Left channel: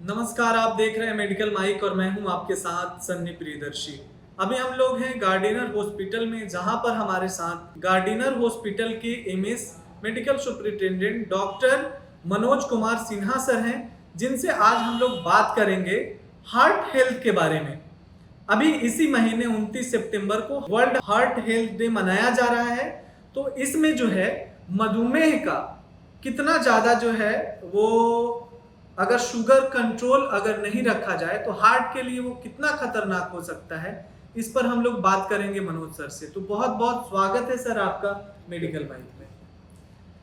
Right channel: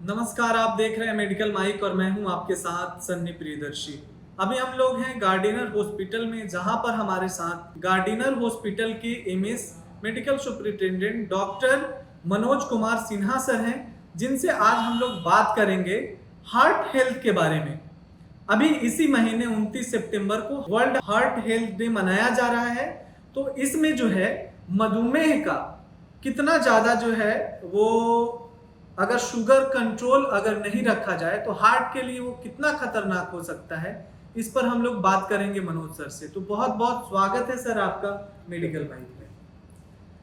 नमस्कार, आप देख रहे हैं मेडिकल माइक और मैं हूं आपके साथ सन्नी प्रियदर्शी। अभी हम लोग हैं गार्डिनर हॉस्पिटल में, जहां पर हमारे साथ गार्डिनर हॉस्पिटल के MS medical superintendent doctor Manoj Kumar Sinha sir हैं, जिनसे आज हम लोग बात करेंगे हार्ट हेल्थ के बारे में। अभी इसी महीने 29 सितंबर को वर्ल्ड हार्ट हेल्थ डे मनाया जा रहा है। तो इसमें जो है मधुमेह का कितना ज़्यादा जो है वो, अगर शुगर कंट्रोल अगर नहीं रखा जाए तो हार्ट के लिए वो कितना खतरनाक हो सकता है, इस पर हम लोग बात करेंगे मनोज सर से। तो बहुत बहुत स्वागत है सर आपका मेडिकल बाइक में।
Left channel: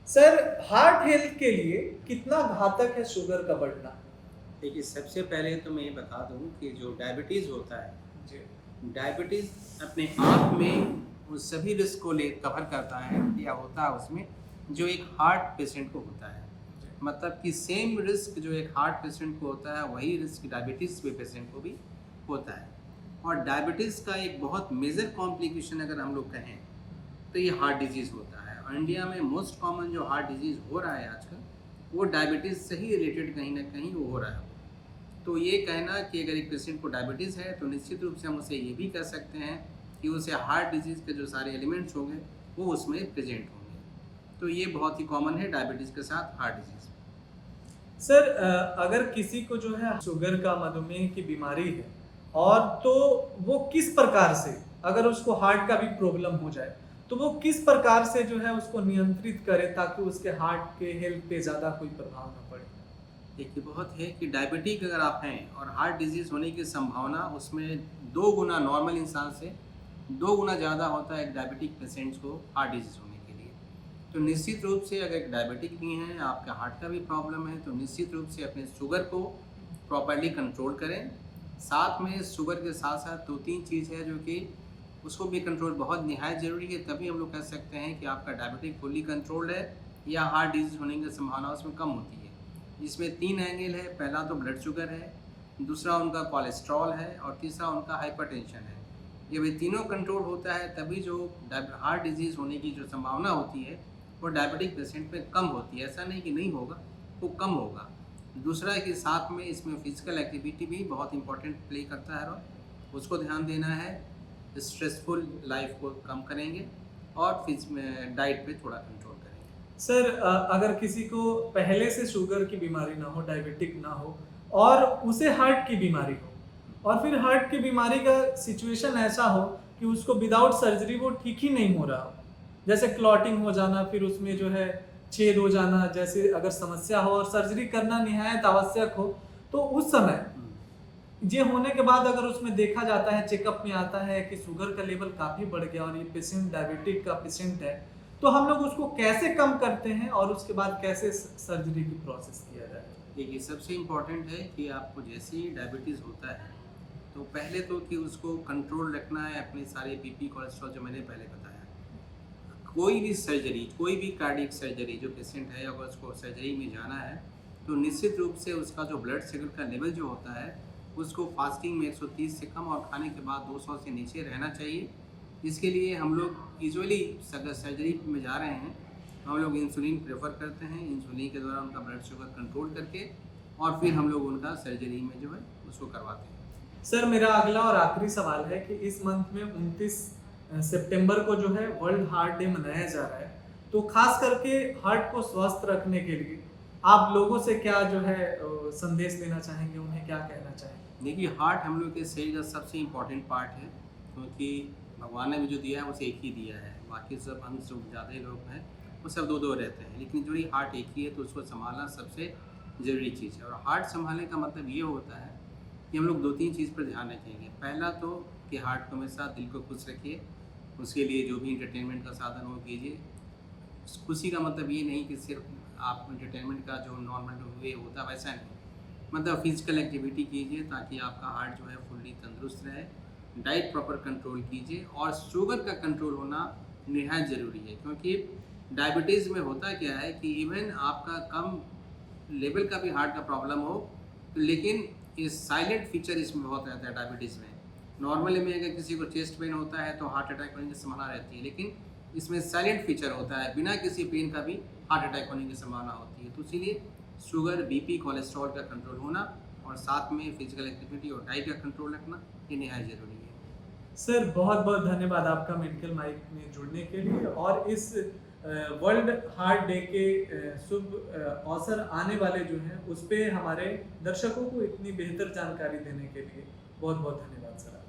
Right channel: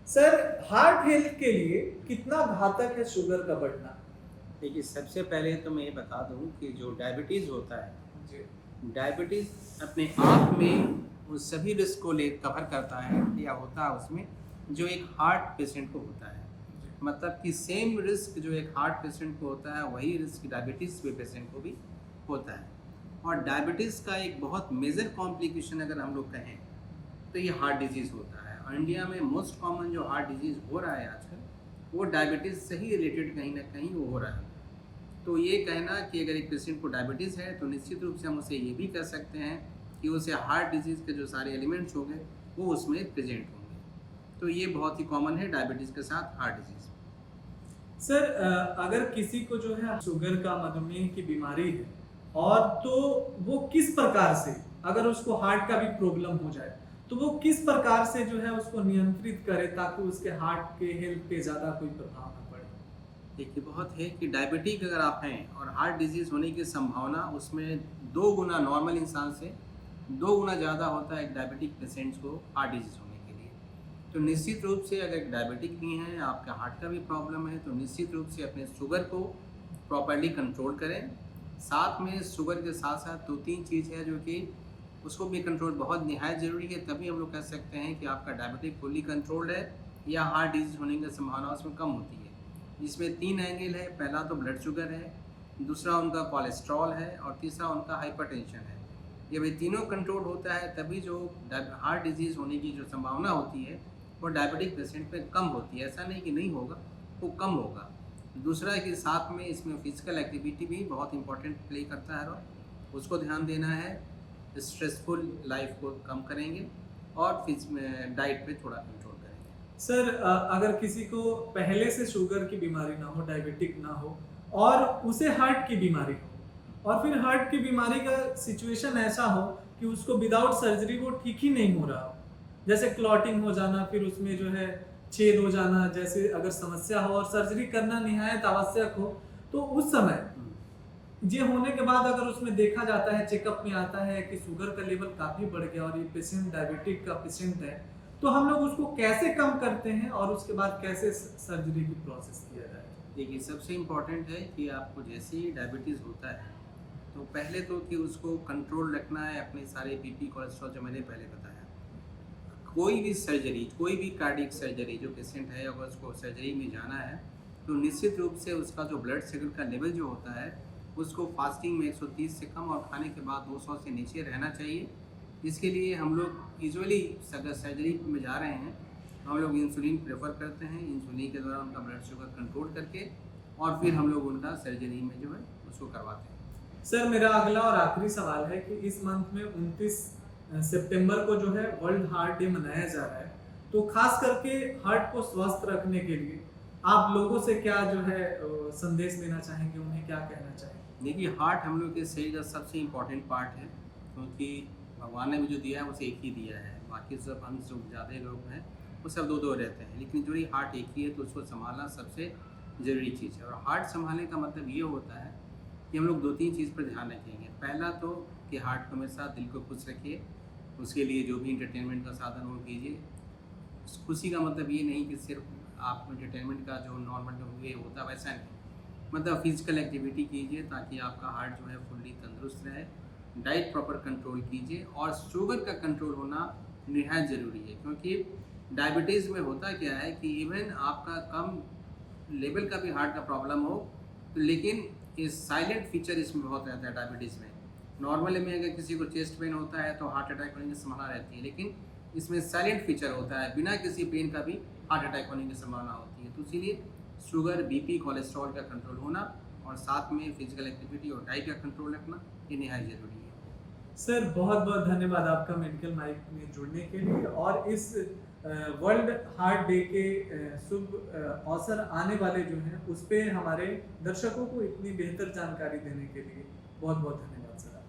सर, हार्ट हेल्थ के लिए कितना घातक है शुगर का बढ़ना? देखिए, सबसे पहले तो मैं ये बता दूं कि जो डायबिटीज़ होता है, जी। डायबिटीज़ अपने आप में उन सभी रिस्क को ले कवर करता है या होता है उसमें, जो एक हार्ट पेशेंट को होता है। मतलब कि सेम रिस्क जो एक हार्ट पेशेंट को होता है, वही रिस्क डायबिटीज़ के पेशेंट को भी होता है। और डायबिटीज़ का एक बहुत मेजर कॉम्प्लिकेशन अगर हम लोग कहें तो ये हार्ट डिजीज़ होता है। और इंडिया में मोस्ट कॉमन जो हार्ट डिजीज़ हो रहा है आजकल, वो डायबिटीज़ से ही रिलेटेड कहीं ना कहीं वो हो रहा है। तो ये कहना कि अगर एक पेशेंट को डायबिटीज़ है तो निश्चित रूप से हम उसे ये भी कह सकते हैं कि उसे हार्ट डिजीज़ के जो सारे एलिमेंट्स होंगे वो उसमें प्रेजेंट होंगे। तो ये बहुत ही कॉमन है डायबिटीज़ के साथ हार्ट डिजीज़। सर, अगर किसी को जो है शुगर का, मधुमेह की बीमारी है, और तो वो किस प्रकार से, अगर उसको हार्ट का भी प्रॉब्लम हो जाए तो वो किस प्रकार से जो है उसको नियंत्रित करे ताकि उसके हार्ट के हेल्थ पे ज़्यादा कोई प्रभाव ना पड़े? देखिए, बहुत है कि डायबिटिक अगर आप हैं और हार्ट डिजीज़ होने की संभावना उसमें 2 गुना नॉर्मल इंसान से 2 गुना ज़्यादा होता है एक डायबिटिक पेशेंट्स को हार्ट डिजीज़ होने के लिए। तो निश्चित रूप से अगर एक डायबिटिक भी हैं, आपके हार्ट का भी प्रॉब्लम है, तो निश्चित रूप से अपने शुगर को प्रॉपर्ली कंट्रोल करें। साथ में शुगर के साथ-साथ 2-3 चीज़ है जो कि उसको भी कंट्रोल बहुत निहायत ज़रूरी है, तभी हम लोग कह सकते हैं कि आपका डायबिटिक फुल्ली कंट्रोल्ड है या हार्ट डिजीज़ होने की संभावना उसमें कम होती है। जिसमें 3 एंगल है, पहला तो ब्लड शुगर है, दूसरा उनका कोलेस्ट्रॉल है और तीसरा उनका हाइपरटेंशन है। जब ये तीनों कंट्रोल होता है तभी जो हार्ट डिजीज़ होने की जो संभावना होती है वो डायबिटिक पेशेंट में कम होती है। ऐसा नहीं कि नहीं होगा, वो कम होगा। दूसरा है कि साथ में इसमें फिजिकल एक्टिविटी भी बहुत इंपॉर्टेंट प्ले करता है रोल, उसको ध्यान देना है। स्ट्रेसफुल लाइफ को कम करेंगे और डाइट पे थोड़ा कंट्रोल करेंगे। सर, अगर किसी को पहले से शुगर की बीमारी ना हो, डायबिटिक ना हो, और उसे हार्ट की बीमारी हो, और फिर हार्ट की बीमारी का सिचुएशन ऐसा हो कि उसको विदाउट सर्जरी वो ठीक ही नहीं हो रहा हो, जैसे क्लॉटिंग हो जाना, फिर उसमें जो है छेद हो जाना, जैसे अगर समस्या हो और सर्जरी करना निहायत आवश्यक हो, तो उस समय ये होने के बाद अगर उसमें देखा जाता है, चेकअप में आता है कि शुगर का लेवल काफ़ी बढ़ गया और ये पेशेंट डायबिटिक का पेशेंट है, तो हम लोग उसको कैसे कम करते हैं और उसके बाद कैसे सर्जरी की प्रोसेस किया जाए? देखिए, सबसे इम्पॉर्टेंट है कि आपको जैसे ही डायबिटीज़ होता है तो पहले तो कि उसको कंट्रोल रखना है अपने सारे बीपी कोलेस्ट्रॉल जो मैंने पहले बताया। कोई भी सर्जरी, कोई भी कार्डियक सर्जरी जो पेशेंट है अगर उसको सर्जरी में जाना है तो निश्चित रूप से उसका जो ब्लड शुगर का लेवल जो होता है उसको फास्टिंग में 130 से कम और खाने के बाद 200 से नीचे रहना चाहिए। इसके लिए हम लोग यूजुअली अगर सर्जरी में जा रहे हैं तो हम लोग इंसुलिन प्रेफर करते हैं। इंसुलिन के द्वारा उनका ब्लड शुगर कंट्रोल करके और फिर हम लोग उनका सर्जरी में जो है उसको करवाते हैं। सर, मेरा अगला और आखिरी सवाल है कि इस मंथ में 29 सितंबर को जो है वर्ल्ड हार्ट डे मनाया जा रहा है, तो खास करके हार्ट को स्वस्थ रखने के लिए आप लोगों से क्या जो है संदेश देना चाहेंगे, उन्हें क्या कहना चाहेंगे? देखिए, हार्ट हम लोग के शरीर का सबसे इम्पोर्टेंट पार्ट है, क्योंकि भगवान ने भी जो दिया है उसे एक ही दिया है। बाकी सब अंग जो ज़्यादा लोग हैं वो सब दो दो रहते हैं, लेकिन जो ये हार्ट एक ही है तो उसको संभालना सबसे ज़रूरी चीज़ है। और हार्ट संभालने का मतलब ये होता है कि हम लोग 2-3 चीज़ पर ध्यान रखेंगे। पहला तो कि हार्ट को हमेशा दिल को खुश रखिए, उसके लिए जो भी इंटरटेनमेंट का साधन हो कीजिए। खुशी का मतलब ये नहीं कि सिर्फ आप इंटरटेनमेंट का जो नॉर्मल वे होता है वैसा नहीं, मतलब फिजिकल एक्टिविटी कीजिए ताकि आपका हार्ट जो है फुल्ली तंदुरुस्त रहे। डाइट प्रॉपर कंट्रोल कीजिए और शुगर का कंट्रोल होना निहायत ज़रूरी है, क्योंकि डायबिटीज़ में होता क्या है कि इवन आपका कम लेवल का भी हार्ट का प्रॉब्लम हो तो लेकिन इस साइलेंट फीचर इसमें बहुत रहता है डायबिटीज़ में। नॉर्मली में अगर किसी को चेस्ट पेन होता है तो हार्ट अटैक होने की संभावना रहती है, लेकिन इसमें साइलेंट फीचर होता है, बिना किसी पेन का भी हार्ट अटैक होने की संभावना होती है। तो इसीलिए शुगर, बीपी, कोलेस्ट्रॉल का कंट्रोल होना और साथ में फिजिकल एक्टिविटी और डाइट का कंट्रोल रखना ये नहायत ज़रूरी है। सर बहुत बहुत धन्यवाद आपका मेडिकल माइक में जुड़ने के लिए और इस वर्ल्ड हार्ट डे के शुभ अवसर आने वाले जो हैं उस पे हमारे दर्शकों को इतनी बेहतर जानकारी देने के लिए बहुत बहुत धन्यवाद सर।